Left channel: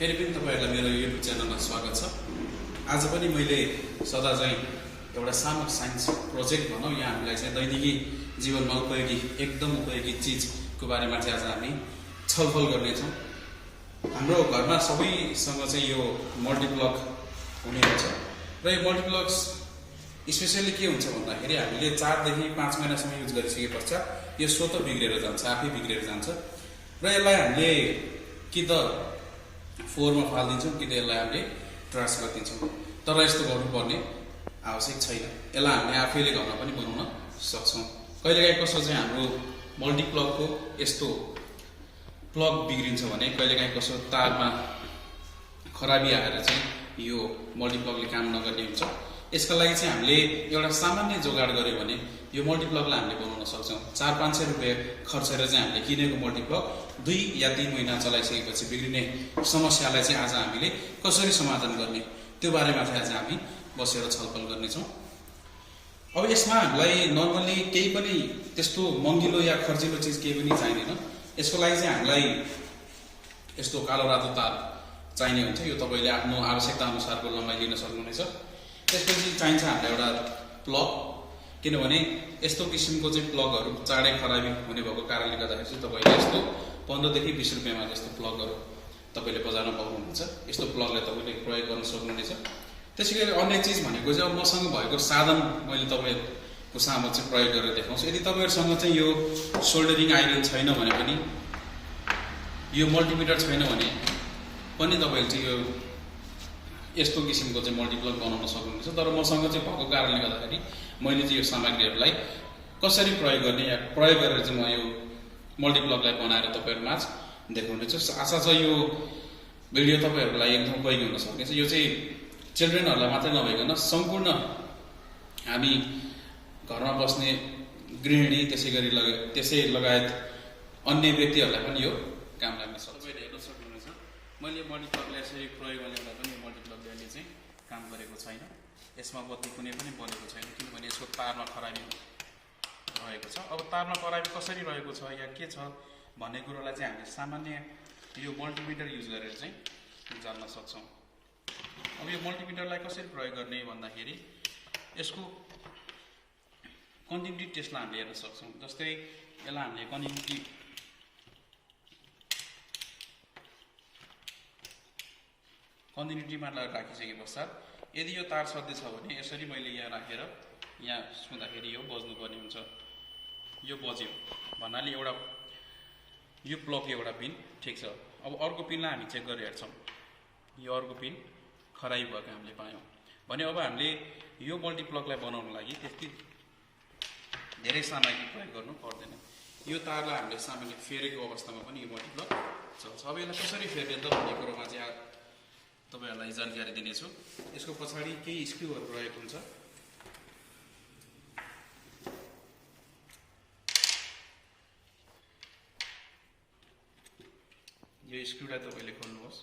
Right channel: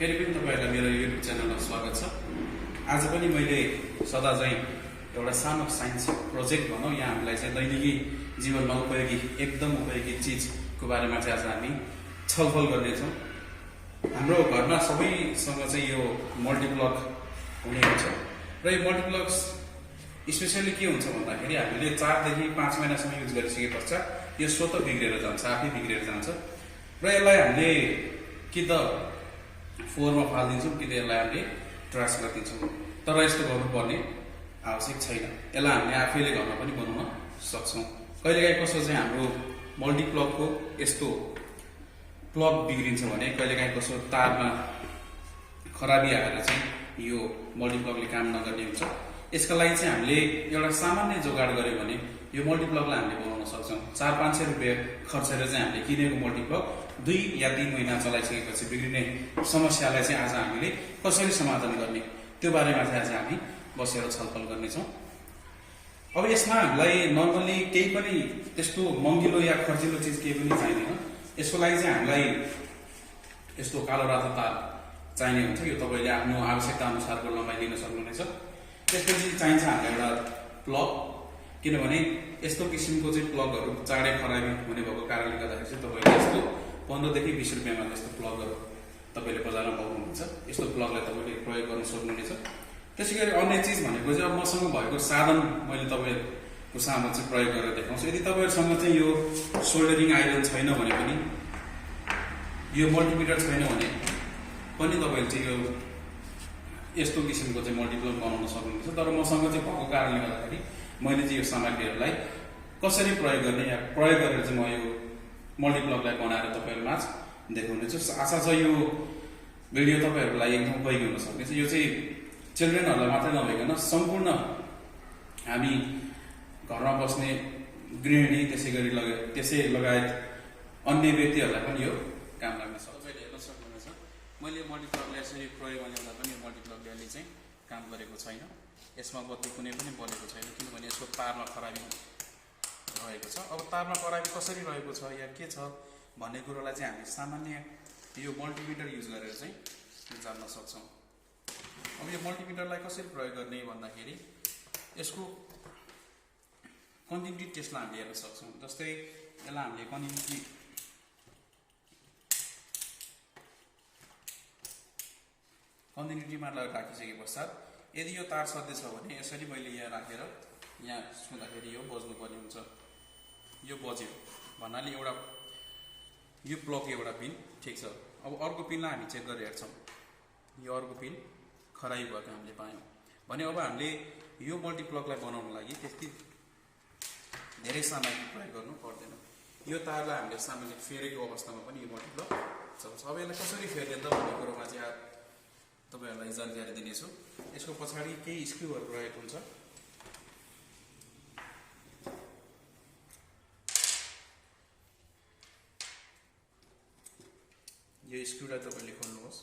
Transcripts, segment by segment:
फेरि पनि तपाईहरुलाई मेरो युट्युब च्यानलमा स्वागत छ। आज पनि मैले सदा चाहिँ एउटा सानो साइन्स प्रोजेक्ट भनौं यहाँ हामीलाई चाहिँ दैनिकी जीवनमा उपयोगी एकदम उपयोगी चीजको बारेमा चाहिँ आज हामी छलफल गर्ने छौं। हाम्रो घरमा सबैसँग चाहिँ यो मल्टिप्लग हुने हुन्छ र यो मल्टिप्लग्स स्पेशली के हुन्छ भन्दाखेरि हामीले 4 देखि 5 महिनासम्म युज गरिसके पश्चात यो स्वतः बिग्रेर जान्छ, आफै बिग्रेर जान्छ र यसलाई हामीले कि त फोहोरमा फाल्दिन्छौं कि त यसलाई हामीले ट्रास गरिदिन्छौं। तर यस्तो गर्नुपर्ने आवश्यक छैन। यसलाई हामीले आफैले घरमा पनि बनाउन सक्छौं। कहिलेकाहीँ कसो चाहिँ हाम्रो मल्टिप्लगको यस्तो प्लग बिग्रिन्छ भने कहिलेकाहीँ कसो तारमा खराबी आएर चाहिँ यो मल्टिप्लगले काम नगर्ने हुन्छ। यसका लागि चाहिँ हामीले एउटा सामान्य जोगाड गर्यो भने यो मल्टिप्लगलाई हामीले बनाउन सक्छौं। 400-500 रुपैयाँ खर्चेर चाहिँ हामीले किनेको मल्टिप्लग 2 या 3 महिना चलाइसकेपछि बिग्रिने समस्यालाई चाहिँ आज हामीले कसरी समाधान गर्ने त्यो बारेमा चाहिँ आज हामी बसेर छलफल गर्ने छौं। अब यसमा हामीलाई नर्मली केही पनि त्यस्तो महँगिलो या खर्चिलो चीज केही पनि चाहिदैन। यसको लागि चाहिँ हामीलाई यस्तो कालो रातो तार चाहिने हुन्छ। यो तपाईले आफ्नो आवश्यकता अनुसारको लम्बाइ लिन सक्नुहुनेछ। त्यसपछि चाहिन्छ हामीलाई एउटा प्लग, किनभने यस्तो किसिमको चाहिँ प्लगहरु चाँडै खराबी हुने भएको कारणले गर्दाखेरि चाहिँ तपाईले यस्तो 15 देखि 20 रुपैयाँमा जस्तो प्लगहरु तपाईले बजारमा पाउनुहुन्छ। यस्तो प्लगलाई तपाईले प्रयोग गर्न सक्नुहुनेछ। त्यसैगरी अन्य चीज भनेको चाहिँ अब मसँग भएको साधन मैले तपाईहरुको सामु चाहिँ प्रयोग गरेर देखाउँछु। यदि तपाईहरुसँग चाहिँ यो सोल्डरिङ आइरन छैन भने पनि, यो मल्टिमिटर छैन भने पनि तपाईले चाहिँ यो यस्तो किसिमको चाहिँ मल्टिप्लग बनाउन सक्नुहुन्छ। तर मसँग चाहिँ भएको कारणले गर्दाखेरि मैले चाहिँ यो सामग्रीहरुलाई कसरी प्रयोग गर्ने या प्रयोग गरेर चाहिँ म यो मल्टिप्लगलाई बनाएर तपाईहरुमाझ देखाउनेछु। आशा छ यो भिडियो तपाईहरुको लागि एकदम उपयोगी हुन सक्नेछ। यो चाहिँ चिल्ड्रेनहरुलाई मात्रै नभइकन सम्पूर्ण हामी घरमा बस्ने गृहिणी त्यसै लगायत अन्य व्यक्तिहरुलाई पनि यो काम लाग्न सक्छ। तपाईले हेर्न सक्नुहुनेछ मैले यो मल्टिप्लगलाई यसरी प्रयोगमा ल्याउँदा पनि यो मल्टिप्लगले अहिले चाहिँ काम गरेको छैन। यसमा बत्ती कुनै पनि बलेको छैन किनभने यसको तारमा खराबी रहेको छ। अब तारमा खराबी कसरी रहेको छ या के छ भन्ने कुरालाई चाहिँ हामीले सामान्य यो मल्टिमिटर युज गरेर चाहिँ जान्न सक्छौं। अब यो मल्टिमिटरलाई कसरी प्रयोग गर्ने भन्दाखेरि यसको कन्टिन्युटी टेस्टलाई हामीले हेर्न सक्छौं। जस्तै यसलाई हामीले कन्टिन्युटीमा राखिसके पश्चात यदि यो तार सधैँ छ भने यसरी मैले यहाँ राखेर यहाँ छुँदाखेरि यो बज्नु पर्ने हुन्छ। यो बज्यो भन्नाले एउटा यो प्लग एउटा पिन ठीक छ। अब अर्को पिनलाई हामी चेक गरेर हेर्छौं। यो अर्को पिन खराबी भएको हामीले पायौं भने अब हामीले यो मल्टिप्लगलाई बनाउन लागि त्यति धेरै सामग्री प्रयोग गर्नु पर्दैन। यो तारलाई हामीले सामान्य फेरेको अवस्थामा पनि यो मल्टिप्लग चल्छ। अब यसलाई कसरी फेर्ने त भन्ने कुरोमा चाहिँ तपाईहरुलाई जानकारी दिनेछु। यसको पछाडी केही स्क्रूहरु रहेको हुन्छ। यो स्क्रूलाई तपाईले खोल्नुहोस्।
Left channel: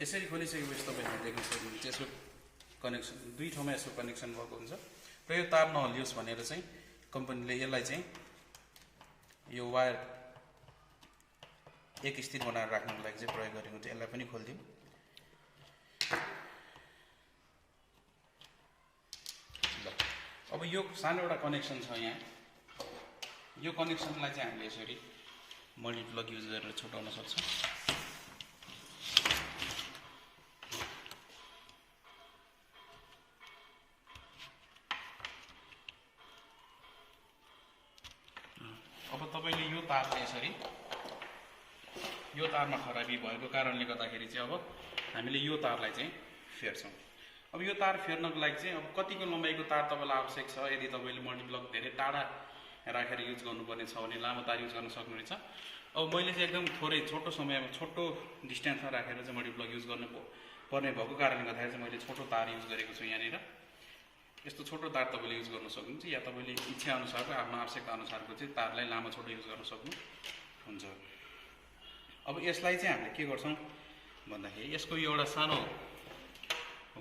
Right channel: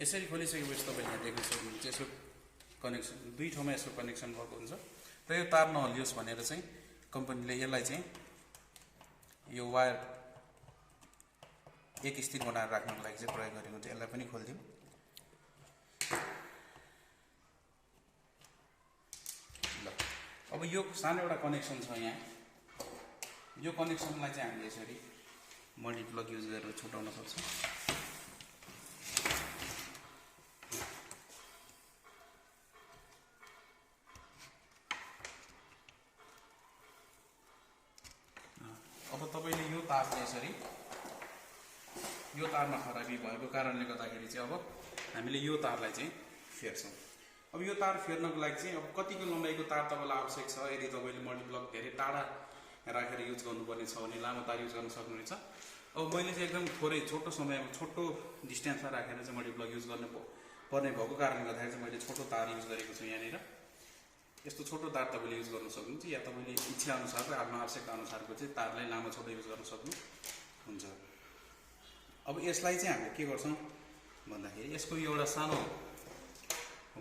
यसरी खोलिसकेपछि तपाईले देख्न सक्नुहुन्छ यसको कनेक्सन दुई ठाउँमा यसको कनेक्सन भएको हुन्छ र यो तार नहलियोस् भनेर चाहिँ कम्पनीले यसलाई चाहिँ यो वायर एक स्थिर बनाएर राख्नको लागि चाहिँ प्रयोग गरेको हुन्छ। यसलाई पनि खोल्दियौ। ल अब यो सानो एउटा कनेक्सन छ यहाँ। यो कनेक्सनलाई चाहिँ हामीले यसरी मल्टिप्लग युज गरेर छुटाउन सक्छौं। अब तपाईले यो तारले यसरी यो तारमा खराबी भएको कारणले गर्दाखेरि चाहिँ अब हामीले यो तारलाई चाहिँ फेर्छौं। अब यो तार फेर्नको लागि चाहिँ अब कतिको लम्बाइको तार तपाईलाई आवश्यक छ। यदि तपाईले मल्टिप्लग धेरै टाढा राखेर युज गर्नुपर्ने छ भने लामो तार युज गर्न सक्नुहुनेछ। अब मैले चाहिँ एकदम थोरै छोटो समयमा छोटो डिस्टेन्समा राखेर चाहिँ मल्टिप्लग युज गर्नु पर्ने भएको कारणले गर्दाखेरि चाहिँ मैले छोटो तार युज गरेको छु यहाँनिर। यस्तो छोटो तार तपाईँले युज गर्न सक्नुहुन्छ या तपाईँले इच्छा अनुसारको आफ्नो आवश्यकता अनुसारको चाहिँ तारलाई लामो छोटो युज गर्न सक्नुहुन्छ। अब यसलाई चाहिँ हामीले के गर्छौँ भन्दाखेरि यसको एउटा सानो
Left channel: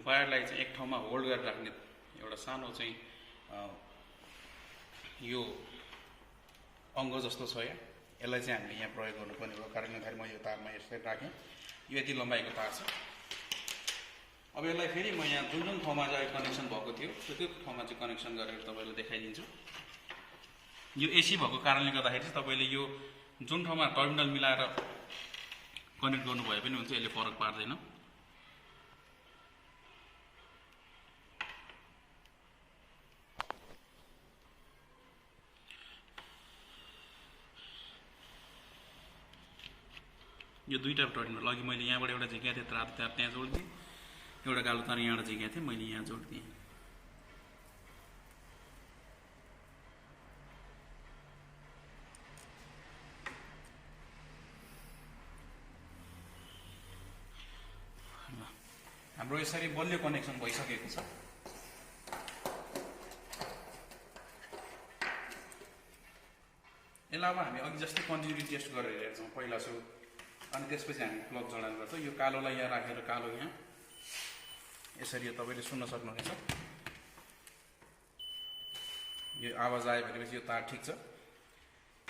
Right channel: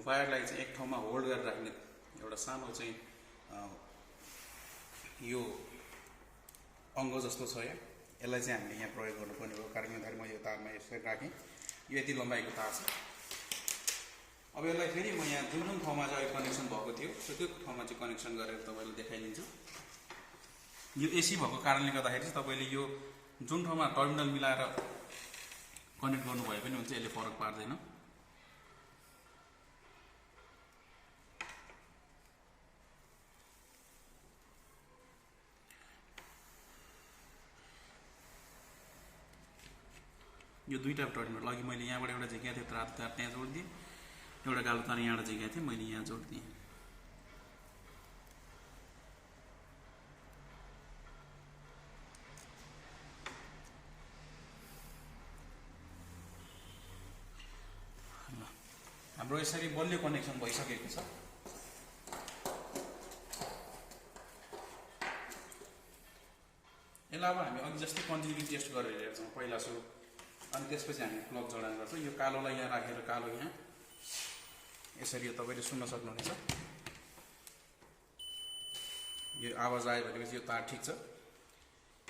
वायरलाई चाहिँ एक ठाउँमा होल्ड गरेर राख्ने एउटा सानो चाहिँ यो अङ्ग जस्तो छ यहाँ, यसलाई चाहिँ हामीले यहाँ प्रयोग गर्नुपर्ने भएको कारणले गर्दाखेरि म यो तारमा यसरी राखेँ। यो यति लम्बाइको तार छ। अब यसलाई फेरि म यहाँ जुन जुन ठाउँमा चाहिँ कनेक्सन भएको थियो त्यो ठाउँमा चाहिँ कनेक्सन गरेर तपाईँलाई देखाइदिन्छु। यो एसी भएको कारणले गर्दाखेरि चाहिँ तपाईँले यो जुन ठाउँमा टर्मिनल मिलाएर कनेक्ट गर्नुभयो पनि हुन्छ, यसले फरक पार्दैन। यो दुईवटा टर्मिनल अघि मैले यहाँबाट एउटा झिकेको थिएँ रातो तार त्यहाँ जोडिदिएँ, एउटा कालो तार यहाँबाट झिकेको थिएँ मैले यहाँ जोडिदिएँ। हाम्रो यसरी बलियो कनेक्सन भइसकेको छ। यसलाई अब हामी अघि जस्तै कन्टिन्युटी टेस्ट गरेर हेर्छौँ पहिला सुरु, अनि त्यसपछि हामी प्लग जडान गर्छौँ। यो कालोलाई यहाँ राखेर कालो यहाँ यसरी यो तपाईँले सुन्न सक्नुहुनेछ। यो आवाज आयो भनेपछि यो तार ठिक छ।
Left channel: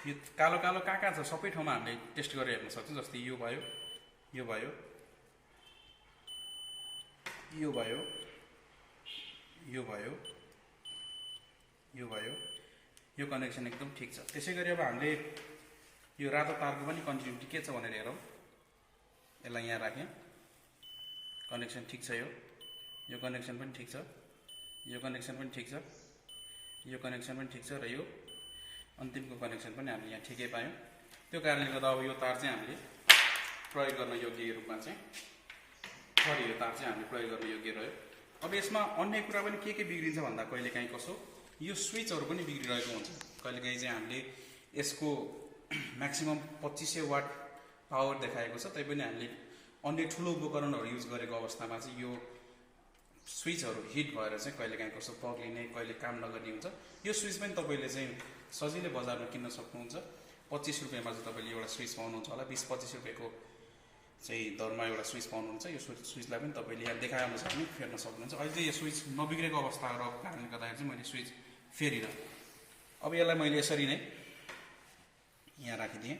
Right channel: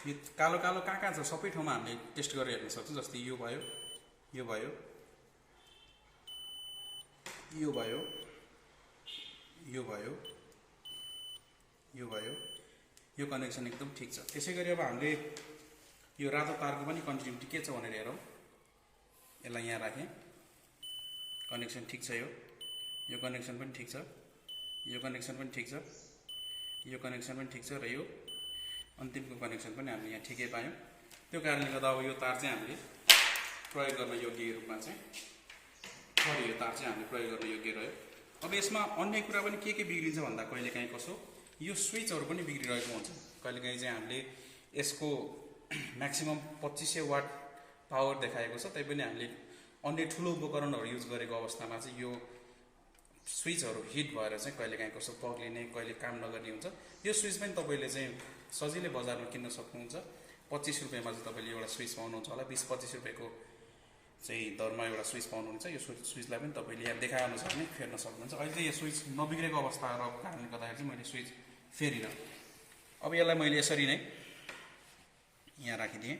यो कालो कालो कहाँ कहाँ छ सबै ठाउँमा हामीले टेस्ट गरेर हेर्न सक्छौँ। जस्तै यो भयो, यो भयो, यो भयो, यो भयो, यो भयो, यो कनेक्सन एकदम ठिक छ। त्यसै गरी अब हामीले यो रातो तारको पनि कन्टिन्युटी के छ भनेर हेरौँ। यसलाई यहाँ राखेँ, कनेक्सन ठिक छ। यो कनेक्सन पनि ठिक छ, यो कनेक्सन पनि ठिक छ, यो कनेक्सन पनि ठिक छ र यो अन्तिमको कनेक्सन पनि हामीले यहाँ ठिकै पायौँ। त्यो कारणले गर्दा अब यो तार चाहिँ हामीले प्रयोग गर्न योग्य रूपमा चाहिँ यो तार चाहिँ हामीले प्रयोग गर्न योग्य रह्यो। अब यसमा अन्य कुरा पनि के बिग्रिन्छ भन्दा कहिलेकाहीँ कसो यो स्विचहरू पनि बिग्रिरहेको हुन्छ। कहिलेकाहीँ चाहिँ हामीले यसको म्याक्सिमम 2500 वाट पावर देखाएको छ, तैपनि हामीले अन्य ठुलो उपकरणहरू युज गरेको अवस्थामा चाहिँ यो स्विचहरू हिट भएर चाहिँ कहिलेकाहीँ कसो पग्लिने, कहिले काम नगर्ने हुन्छ। यो स्विच पनि तपाईँले चाहिँ सजिलै बजारमा किन्न सक्नुहुन्छ। 25 रुपियाँमा चाहिँ तपाईँले एउटा स्विच पाउनुहुन्छ होला। 20-25 रुपियाँको चाहिँ दरमा एउटा स्विच पाउनुहुन्छ। यो स्विचलाई पनि तपाईँले यहाँ देखाएअनुसार नै फेर्न सक्नुहुन्छ। अहिले चाहिँ यो स्विच नबिग्रेको अवस्था रहेको कारणले गर्दाखेरि चाहिँ मैले स्विच फेरिनँ। अब यसलाई मैले यसरी नै यहाँ राखिदिएँ।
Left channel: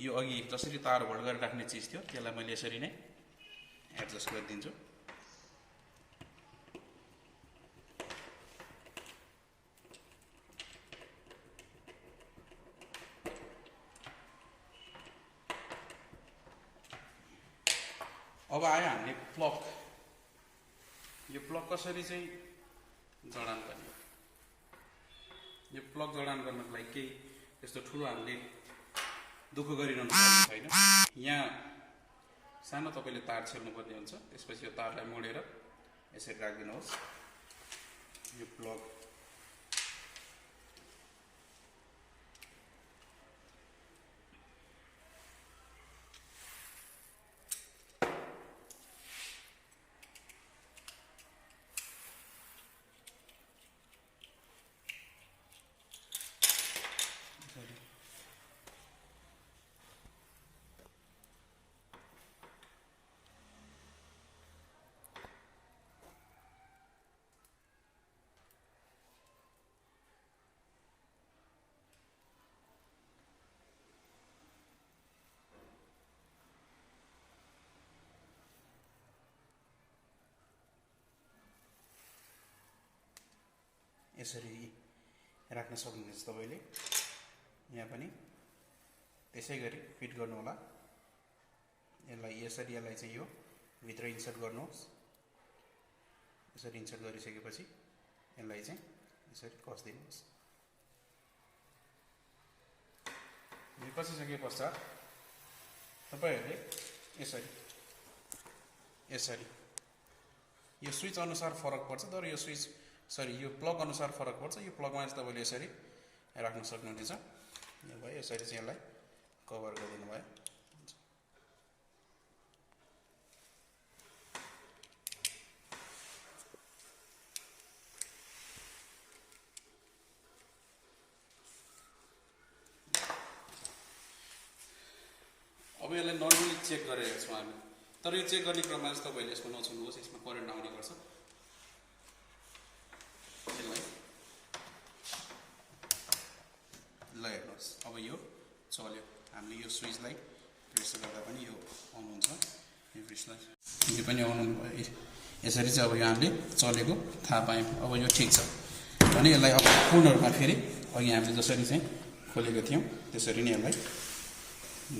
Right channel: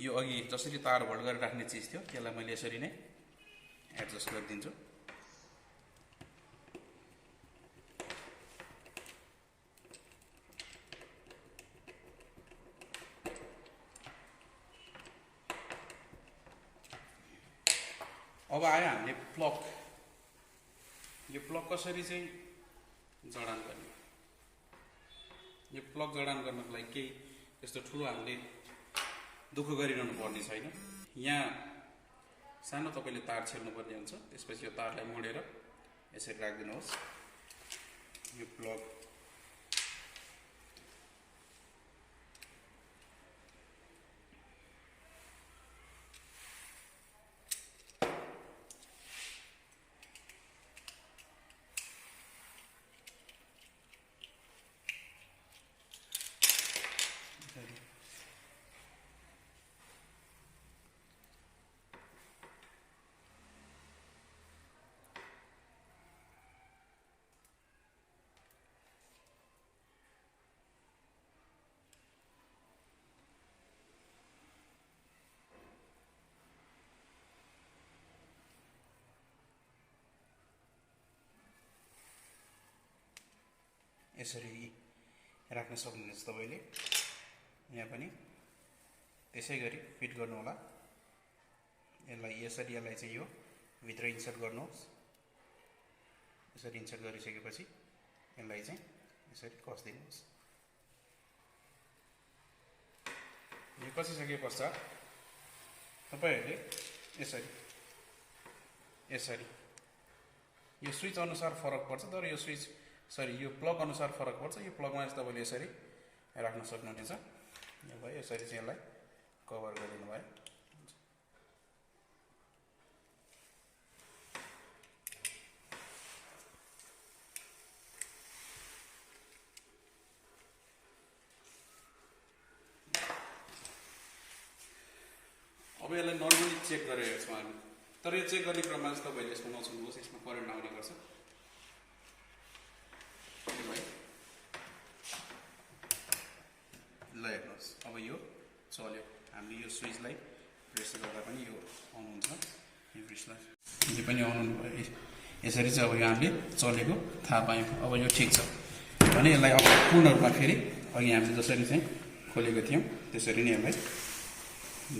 यो अघि जसरी तार होल्ड गरेर राख्ने चिज थियो त्यसलाई मैले यसरी नै एडजस्ट गरिदिन्छु। अब आयो हामीले प्लग। यो प्लग कसरी चाहिँ जडान गर्ने। यो प्लग जडान गर्नको लागि केही त्यस्तो ठुलो हामीले दुःख गरिरहनु पर्ने छैन। यहाँ सानो तपाईँले तार छेल्नुपर्ने हुन्छ। त्यसपछि यो तारलाई मोडेर यसरी राखिदिनुहोस्। यो प्लग यसरी राख्न सक्नुहुन्छ तपाईले। यहाँ पनि त्यसै गरी फिट गर्नु होला। यसलाई यसरी यसलाई चाहिँ यो भित्र इन्सर्ट गर्नुहोस्। यसरी इन्सर्ट गरिसकेपछि यसलाई चाहिँ यसरी कस दिनुहोस्। यो कसिसके पश्चात तपाईहरुले यसरी यसरी यो स्विच अनुसार फरक पर्छ, तर यो स्विच सरी यो प्लग अनुसार फरक पर्छ। यो प्लगमा चाहिँ तपाईँले यसरी राख्न सक्नुहुनेछ। यो भयो, यसरी चाहिँ यसलाई कभर गरिदिनु भयो। अब यसलाई नर्मली चेक गरेको छौँ हामी, तर यो चेक गर्ने क्रममा चाहिँ तपाईँले यसमा नछुनुहोस्, यसमा करेन्ट आउने गर्छ। यसलाई ल हेर्नुहोस्, अब यो चल्यो। हामीले यो स्विचलाई प्रेस गर्दा पनि यो अन हुन्छ, यो स्विचलाई यो पनि अन हुनु भयो। यसरी चाहिँ अब यो हामीले चलेको थाहा पायौँ। अब यो ठिक छ भने यसलाई अब पूर्ण रूपमा फेरि अघि हामीले जसरी चाहिँ खोलेको थियौँ त्यसरी नै यसलाई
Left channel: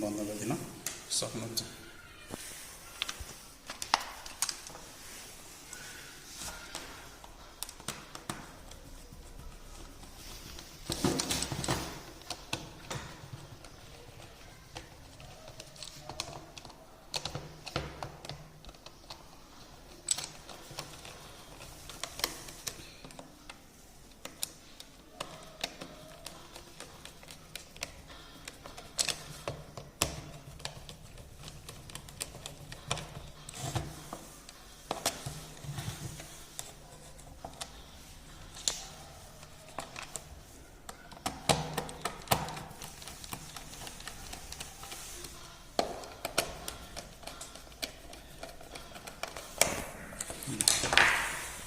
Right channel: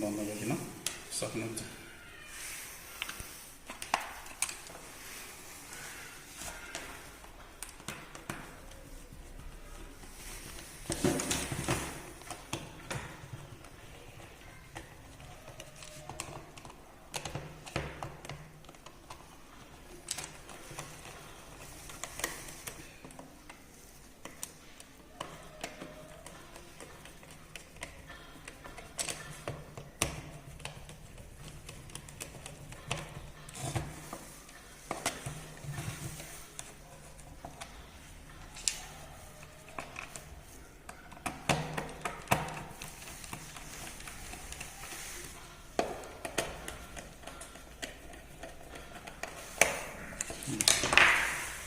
बन्द गरिदिन सक्नुहुन्छ।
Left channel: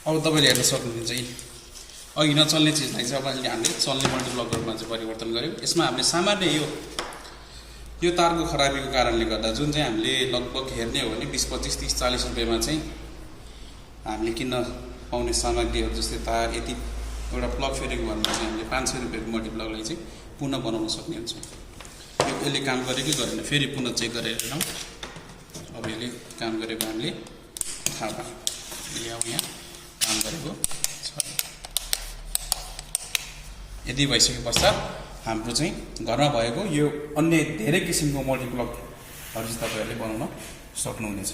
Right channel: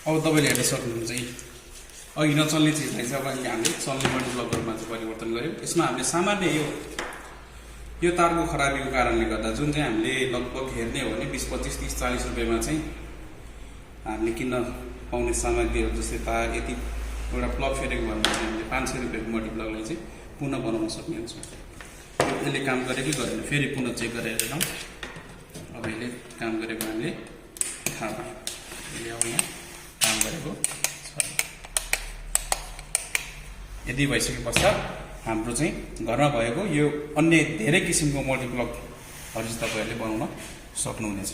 अब तपाईँले हेर्न सक्नुहुन्छ कि अघि नचल्ने चिजलाई चाहिँ अब अहिले हामीले चल्ने मल्टिप्लगमा चाहिँ परिवर्तन गर्यौँ। यसमा हामीले सामान्य यो तारको खराबीको कारणले गर्दा जुन चाहिँ हामीले लगभग हेर्ने हो भने 20, 25, 30, 40 रुपियाँमा चाहिँ हामीले किन्न पाउने सामग्रीहरू जस्तै तार यति एउटा प्लग फेरेको भन्दा चाहिँ हामीले 500 रुपियाँको मल्टिप्लगलाई चाहिँ पुनः बनाउन सक्ने हुन्छ। यो यसले काम गरेकै गरेन, फेरि पुनः चेक गरेर हेरौँ। अब यसले काम गरेको हामीले थाहा पायौँ। यसले अब यहाँ काम गरेको छ। यदि भइसके पश्चात हाम्रो चाहिँ घरमा भएको यो अन्य धेरै किसिमको मल्टिप्लगहरू चाहिँ तपाईँहरूले बनाउन सक्नुहुनेछ।